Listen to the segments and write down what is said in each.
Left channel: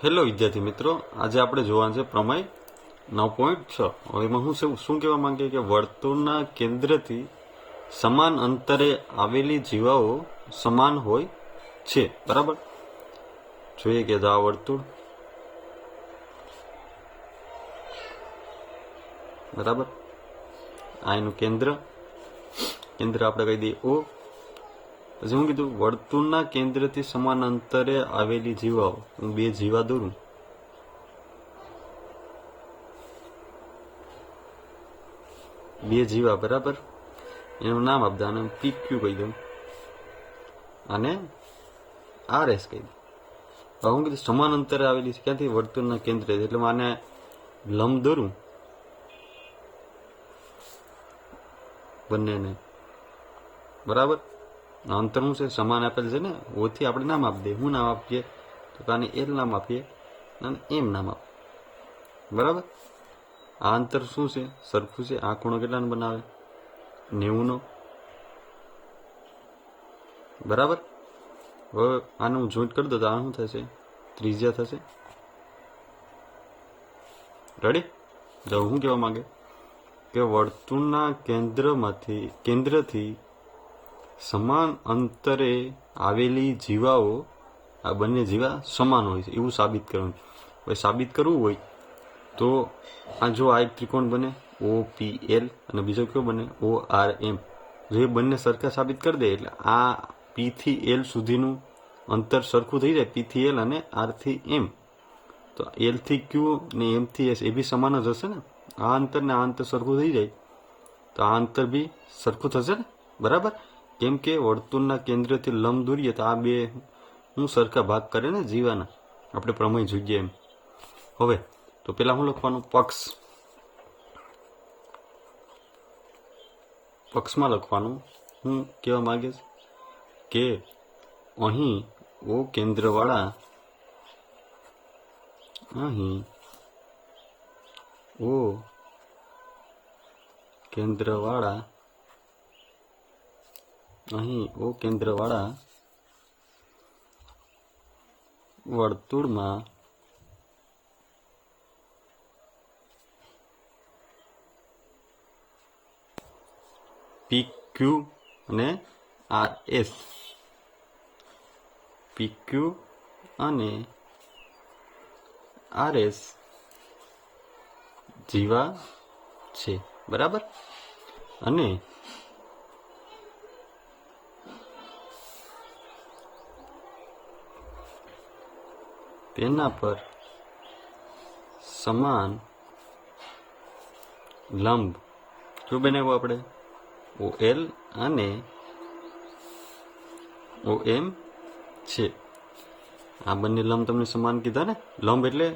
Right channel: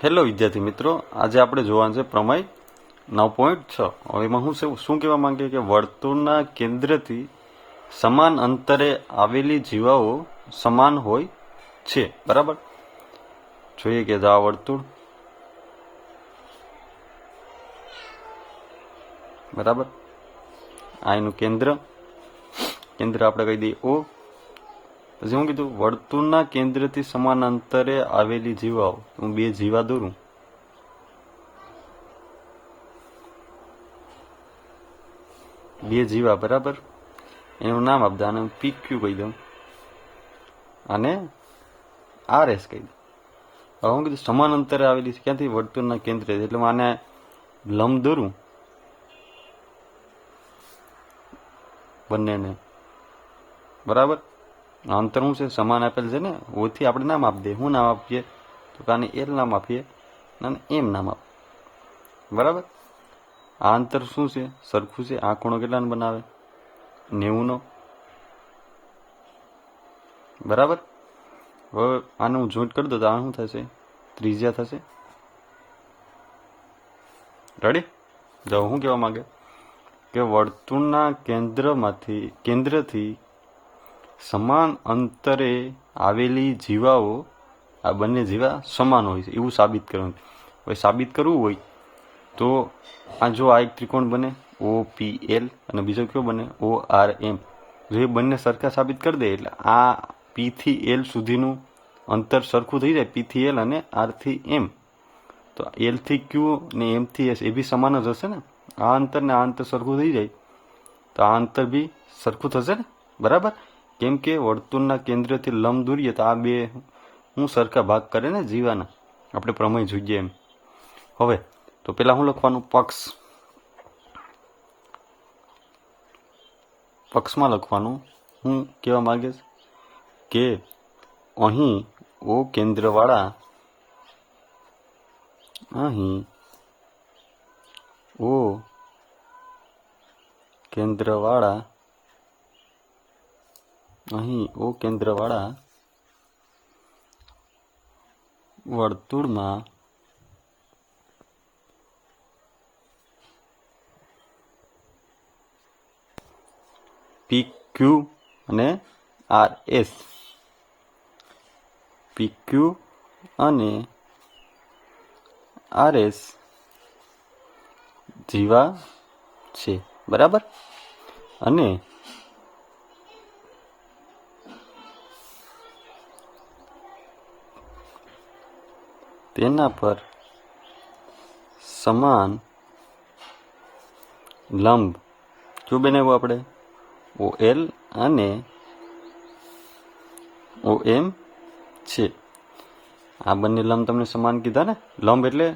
Hello વિદ્યાર્થી મિત્રો, આજે આપણે જોવાનું છે પ્રમેય 9.6. હવે એમાં શું કહેવા માંગે કે વર્તુળના કેન્દ્રથી સમાન અંતરે આવેલી જીવાઓ સમાન હોય છે. બરાબર, જોઈએ કે આ વર્તુળ, બરાબર, આ એનું કેન્દ્ર આપણે કહી દઈએ O. પછી શું કીધું? વર્તુળના કેન્દ્રથી સમાન અંતરે આવેલી જીવાઓ. હું બે જીવા દોરું, બરાબર, એનું નામ આપી દઉં. આને PQ કહી દઉં, અને RS કહી દઉં. હવે હું કીધું સમાન અંતરે આવેલી છે ક્યાંથી? વર્તુળના કેન્દ્રથી. એટલે હું આને લંબ દોરું બંનેને, બરાબર. અંતર શું છે? સમાન આપેલ છે ને, ઓથી આપણે નામ આપી દઈએ. શું નામ આપીએ? તો આને L નામ આપીએ અને M નામ આપીએ, બરાબર. આ અંતર શું છે? સરખું છે. આ ખૂણો કેટલાનો બનાવે? 90નો, બરાબર. હવે આને હું જોઈન્ટ કરી દઉં તો આ શું થશે? ત્રિજ્યા થશે. રેડી? જો શું કહેવા માંગે કે વર્તુળના કેન્દ્રથી સમાન અંતરે આવેલી જીવાઓ, આ બંને જીવા સમાન હોય છે એવું સાબિત કરવાનું. હવે સાબિત કરવું હોય તો આ જો આ એક ત્રિકોણ બને OPL અને બીજો કયો બને ORM. જો એ બંને સરખા સાબિત કરી દે એટલે આ P થી L સુધીનું અંતર સરખું થઈ જાય, P થી L અને R થી M. તો L થી Q ને M થી S એ બી સમાન જ હશે ને. આ અંતર ને આ અંતર સરખું થઈ જાય તો આ અંતર બી સરખું થશે ને, બરાબર. કેમ કે વર્તુળના કેન્દ્રથી લંબ દોરીએ તો આ બે હું સરખા ભાગ કરે ને જીવાના. આપણે પ્રમેય જોઈએ એમ. હવે તો પેલા શું લખવાનું? પક્ષમાં લખવાનું. હું કહેવા માંગે કે અહીં O કેન્દ્રવાળા વર્તુળમાં PQ અને RS જીવા છે, બરાબર. અને તેના પર સમાન લંબ શું બનાવ્યું આપણે? OL અને OM છે. આ બંને લંબ તમને સમાન કીધા ને. લંબ એટલે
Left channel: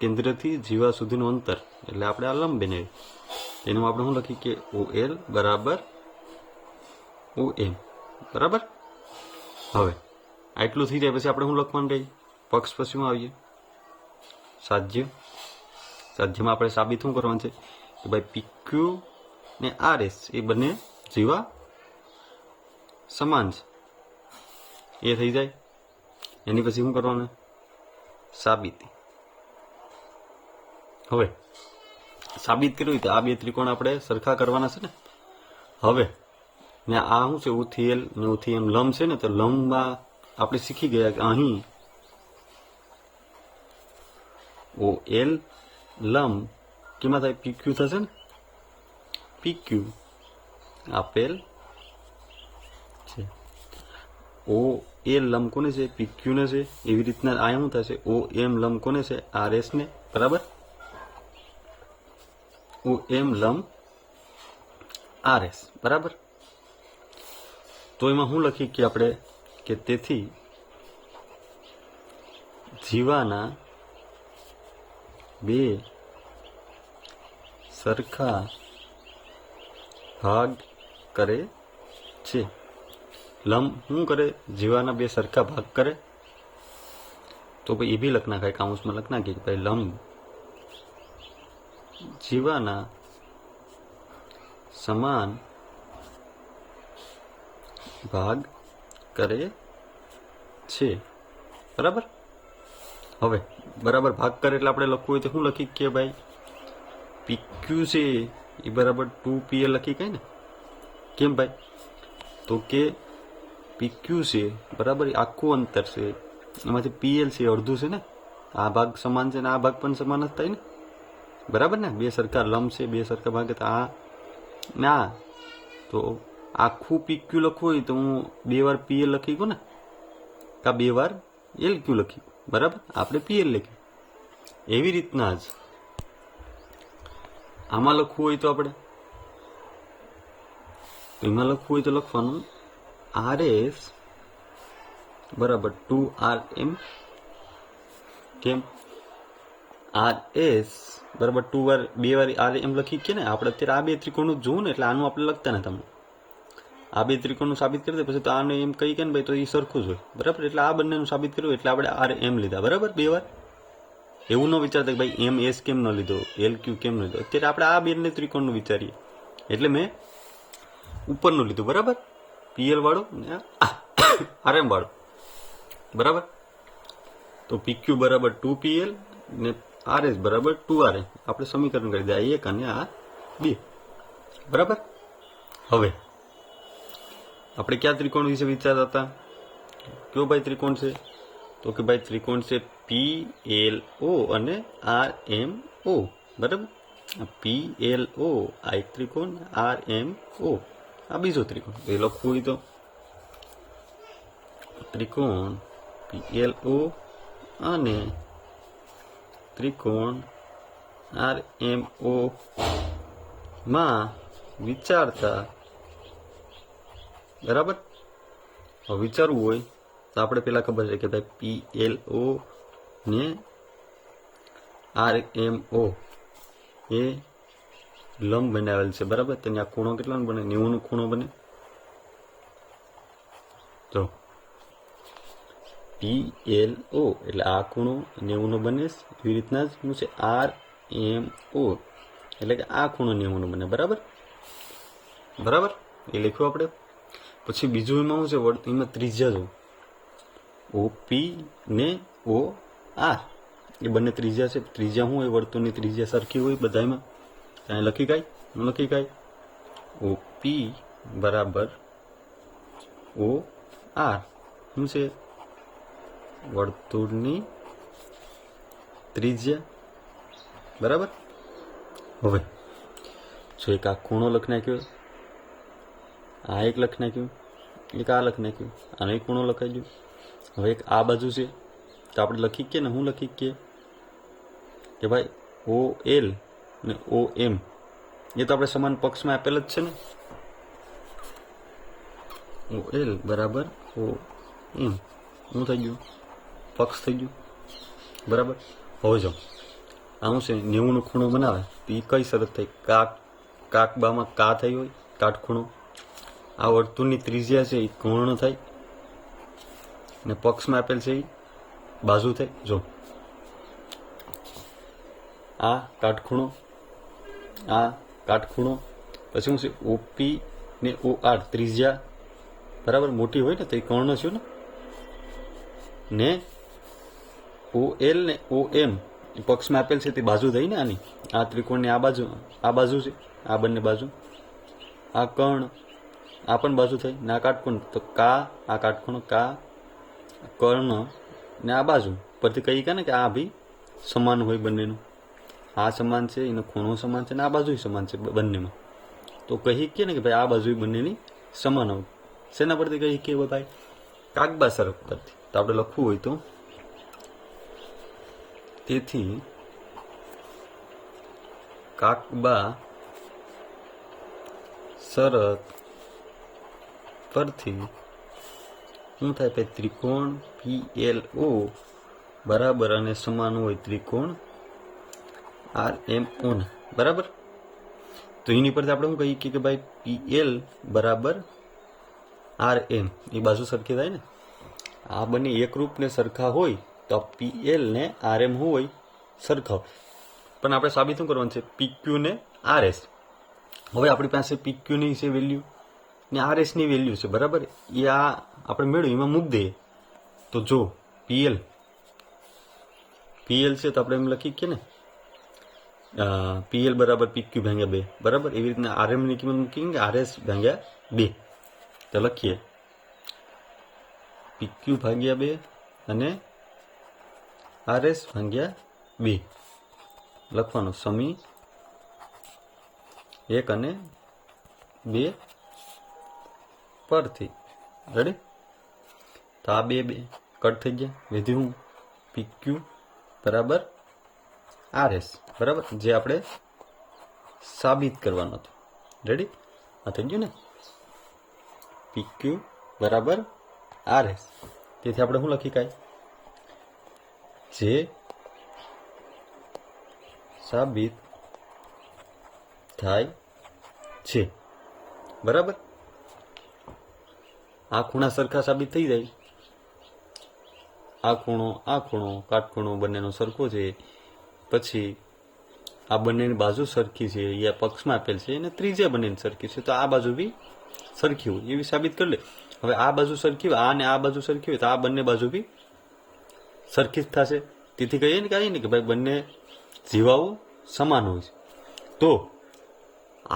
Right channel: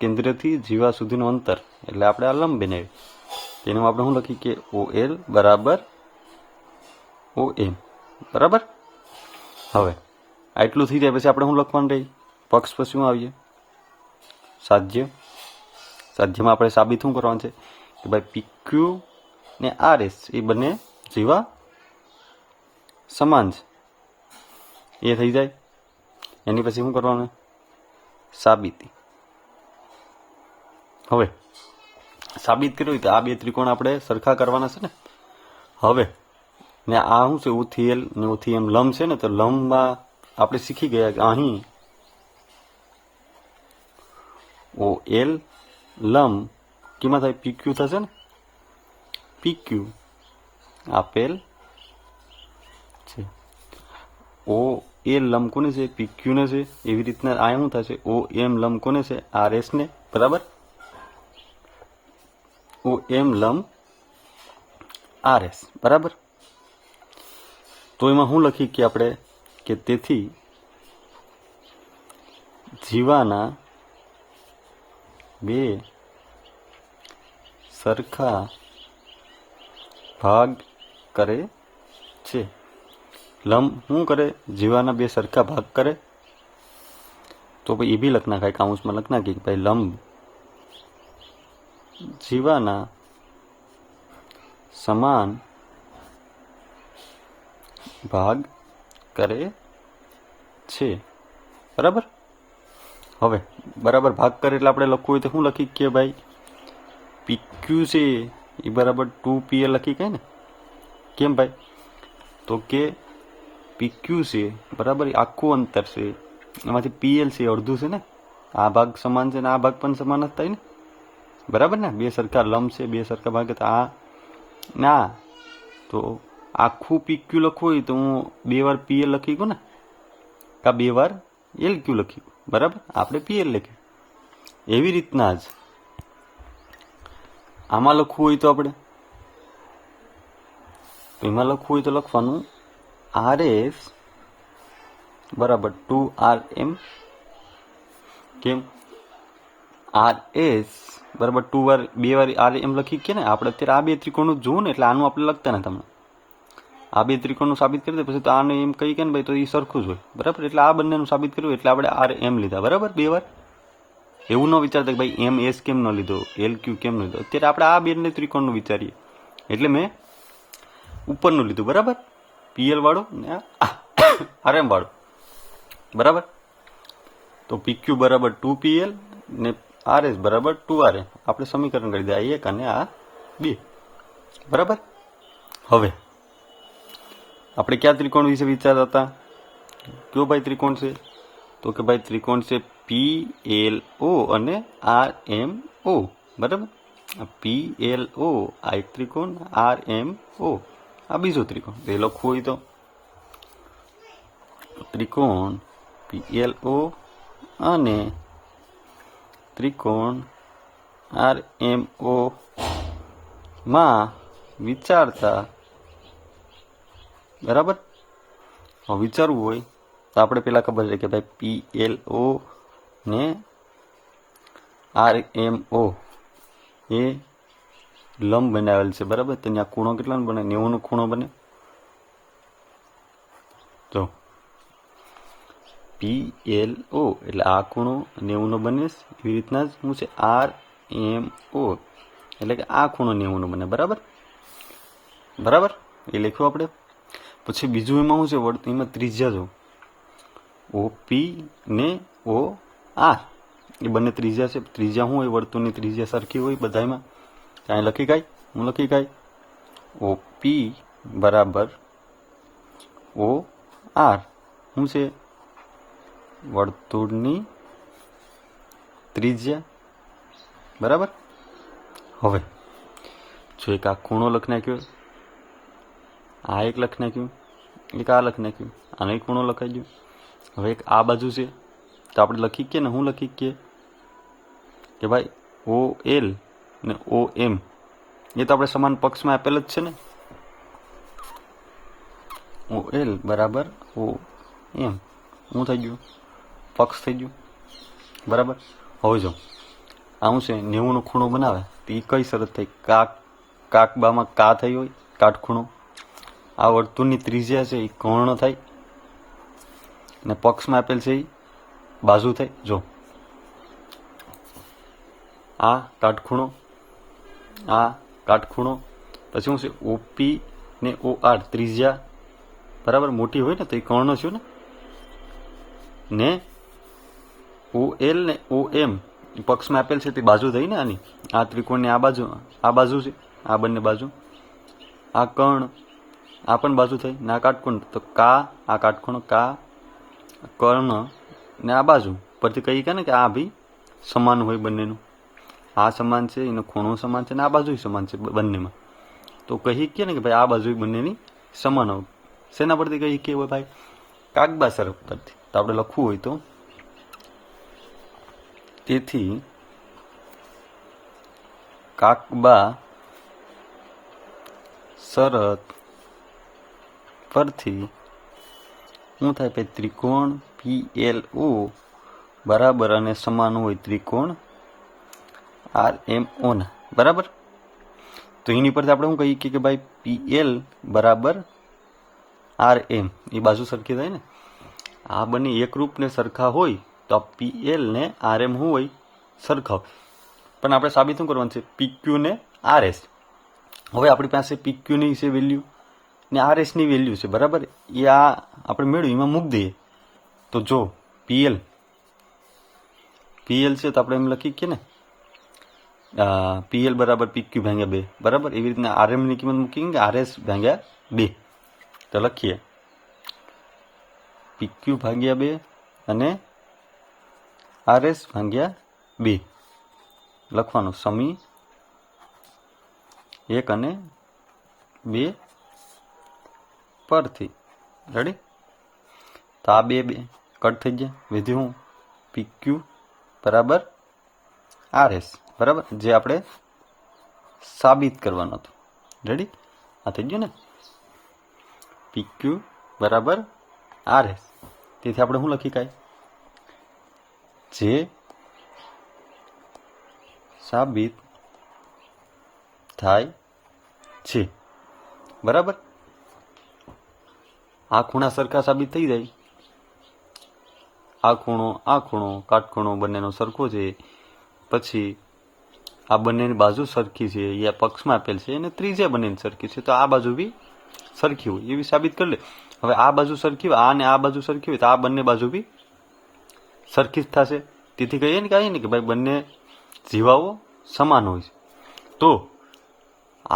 કેન્દ્રથી જીવા સુધીનું અંતર, એટલે આપણે આ લંબ બનાવી. તેનું આપણે શું લખીએ કે OL બરાબર OM, બરાબર. હવે આટલું થઈ જાય પછી આપણે શું લખવાનું રહી? પક્ષ પછી શું આવીએ? સાધ્યમાં આપણે સાબિત શું કરવાનું છે કે ભાઈ PQ ને RS એ બંને જીવા સમાન છે. એ થઈ જાય. એની પછી શું કરવાનું? સાબિતી. હવે સાબિત કર્યું તો આ બે ત્રિકોણ આપણે સરખા કરવાના છે ને. હવે ને આ શું છે? O થી L ને O થી M લંબ છે ને. તો લંબમાં આપણે શીખી ગયા કે અહીં OL લંબ કેમાં થાય? PQ થશે ને. PQ આપેલ છે. OL લંબ કોને છે? PQ ને છે. એવી રીતના આ શું થશે? OM લંબ કોને છે? RS ને, બરાબર. OM લંબ RS, બરાબર. તો એમાં શું લખી કે આપણે કે તેથી જીવાના બે સરખા ભાગ કરે છે. લંબ શું કરે? જીવાના બે સરખા ભાગ કરે. તો ભાઈ એ બી લખ નાખાય, કાઉન્સમાં લખ નાખીએ કે ભાઈ લંબ જીવાના સમાન ભાગ કરે છે, બરાબર. હવે બરાબર ભાગ કરે એટલે આપણે લખવું હોય તો શું લખી કે ભાઈ PQ છે એ બરાબર 2PL લખી કે ને? કેમ ભાઈ? તો કે PQ છે બરાબર આખું અંતર છે, એમાંથી PL છે અડધું છે ને, આ ભાગ સમાન છે ને આ ભાગ પણ સમાન જ થાય ને, બરાબર ને? બે સરખા લંબ છે, બે સરખા ભાગ આ ના, તો આખું PQ લખવું હોય તો હું 2 વાર PL લખી ગયો ને, કા 2 વાર LQ લખ્યું, બરાબર? આપણે PL લખ્યું. એવી રીતના જ આમાં લખવું હોય તો આપણે એમાં લખવું હોય તો લખવાનું RS બરાબર 2RM. કેમ? RS બરાબર 2 વાર 2 વાર RM લખી કે ને, આપણે અત્યારે આ બે ત્રિકોણનું જોવું ને, એટલે આનું આપણે લખતા ને તમને આ બે ત્રિકોણનું સાબિત કરી દે, પછી તો આને એમ કહી કે ને ભાઈ તો એ સરખું જ હોય, બરાબર? એટલે આ બંનેનું સાબિત કર્યું એટલે આપણે RM લીધા, બરાબર? 2 વાર. એવું ન વિચારતા કે ભાઈ MS કેમ ન લીધો, LQ કેમ ન લીધો. અત્યારે આપણે આ બે ત્રિકોણનું વિચારીએ એટલે મેં ઉપરનું લીધું, બરાબર? PL વાળું ને RM વાળું, બરાબર? તો PQ બરાબર 2PL ને RS બરાબર 2RM. આપણે સમીકરણ કરી દે, આ 1 અને આ 2, બરાબર? હવે આપણે કયા ત્રિકોણ વિશે વિચારતા હતા? કયો ભાઈ ત્રિકોણ છે? તો કે ભાઈ ત્રિકોણ છે PLO અને RMO, બરાબર? PLO આ એક ત્રિકોણ, RMO આ બીજો ત્રિકોણ. એ લખવું હોય તો ત્રિકોણ PLO અને ત્રિકોણ RMO માં વિચારતા, બરાબર? હવે વિચારવું હોય તો આપણે પેલા ખબર છે કે ભાઈ PLO ને RMO એ લંબ બનાવેલ છે, બરાબર? તેની આ ખૂણો કેટલાનો બને? 90નો ખૂણો બને. તો PLO એટલે આ ખૂણો 90નો બને, એવી રીતના જ શું છે RMO એટલે કે આ ખૂણો 90નો બને, બરાબર? બરાબર, એ લખ્યું આપણે. પછી બીજું એમાં શું છે? એમાં ત્રિજ્યા જો OP ને OR એ બંને ત્રિજ્યા છે. ત્રિજ્યા શું હોય? વર્તુળની ત્રિજ્યા સરખી હોય બધામાં. ત્યાં લખી કાંઈ હું લખી કાંઈ OP બરાબર OR શું છે? વર્તુળની ત્રિજ્યા, બરાબર? હવે જો એક આ ખૂણો લખી નાખ્યો, આ એક લખી નાખ્યું, એક આ લખી નાખ્યું, આનો એક ખૂણો લખાઈ ગયો. હવે એક આ બાજુ છે તો આપણે લખી કે ને, હું લખી કે ભાઈ OL ને OM એ તો આપણે સમાન પક્ષમાં આપેલ જ છે ને. OL બરાબર OM શું થઈ ગયું? પક્ષ થઈ ગયું, બરાબર? હવે જો આવું છે 90નો ખૂણો બનાવે તો એ કઈ શરત થઈ? કાકબામાં કા થઈ હોય, કાટખૂણો. આ વર્તુળની ત્રિજ્યા છે એ કર્ણ થાય ને પક્ષમાં આપેલ છે એ બાજુ થાય. જો આ કાટખૂણો, આ કાટખૂણો, પછી શું છે OP ને OR ત્રિજ્યા બરાબર મોટી હોય ને તો એ કર્ણ છે ને OL ને OM પક્ષમાં આપેલ છે તે બાજુ થઈ ને આની. આ ત્રિકોણની આ બાજુ છે, આ બંને બાજુ, આ કર્ણ, આ પણ બાજુ થઈ ને આ કાટખૂણો. તો આ કાટખૂણો કર્ણ ને આ બાજુ પરથી કહી કે ને કે આ ભી સમાન હોય બંનેનું. આ સમાન છે, એનો ખૂણો સમાન છે ને આ બાજુ સમાન છે બંનેમાં. તો કહી કે ને કે ભાઈ આ બાજુ બંનેની સમાન હોય. શેના પરથી કહી કે ભાઈ? કાકબા શરત પરથી. તો આપણે લખવું હોય તો તેથી કાકબા શરત પરથી શું થાય ભાઈ? ત્રિકોણ PLO બરાબર અને સમાન હોય ત્રિકોણ RMO ને, બરાબર? તો એની પરથી આપણે શું કહીએ કે ભાઈ PL બરાબર RM એ બાજુ સરખી થાય ને. આ બંને એકરૂપ ને સરખા હોય તો PL ને RM શું હોય? સરખા હોય. પણ આપણે સાબિત શું કરવાનું છે? PQ ને RS. હવે આપણી પાસે PQ ની છે વેલ્યુ ને RS ની વેલ્યુ છે, બરાબર? એ આ આપણે મેળવ્યું એમાં મૂકી દઈએ. તો જો PL પીએલ છે તો આપણે એમ લખી કે ને પીએલ બરાબર પીક્યુ ભાગ્યા 2, બરાબર. એવી રીતના આરએમની કિંમત મૂકી કે આરએસ ભાગ્યા 2. તો લખીએ પીક્યુ ભાગ્યા 2 અને આરએસ ભાગ્યા 2 લખવાનું સમી 1 અને 2 પરથી. રેડી? તો આ 2 કટ થઈ ગયા. વિધિ હું પીક્યુ બરાબર આરએસ, બરાબર, જે આપણે સાબિત કરવાનું હતું. રેડી? આ થઈ ગયું ને, પીક્યુ બરાબર આરએસ. તેથી આપણે શું લખી કાંઈ, જે સાબિત થાય છે. બરાબર. આ ખૂણા સરખા સાબિત થઈ જાય. આ ખૂણો કાટખૂણો બંનેનો સરખો છે. પછી આ બંનેની બાજુ સરખી છે, યા પક્ષમાં આપેલ છે, અને ત્રિજ્યા બંનેની સરખી છે. તો આ બાજુ બી સરખી હોય એવી સાબિત કરી લે. હવે આ બાજુ સરખી હોય, આ ને આ બાજુ સરખી હોય, તો આ બંને બાજુ બી સરખી જ થશે. તેથી કહીએ ને કે ભાઈ બંને જીવાઓ સમાન હોય છે. તો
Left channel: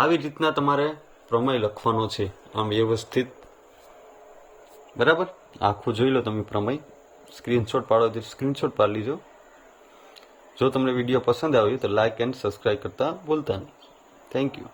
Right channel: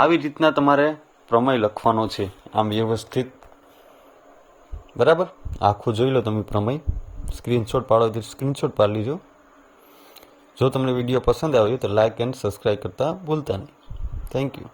આવી રીતના તમારે પ્રમેય લખવાનો છે, આમ વ્યવસ્થિત. બરાબર. આખું જોઈ લો તમે પ્રમેય. સ્ક્રીનશોટ પાડો તો સ્ક્રીનશોટ પાડી લીજો. જો તમને વિડીયો પસંદ આવ્યો તો લાઇક એન્ડ સબસ્ક્રાઈબ કરતા ભૂલતા નહીં. Thank you.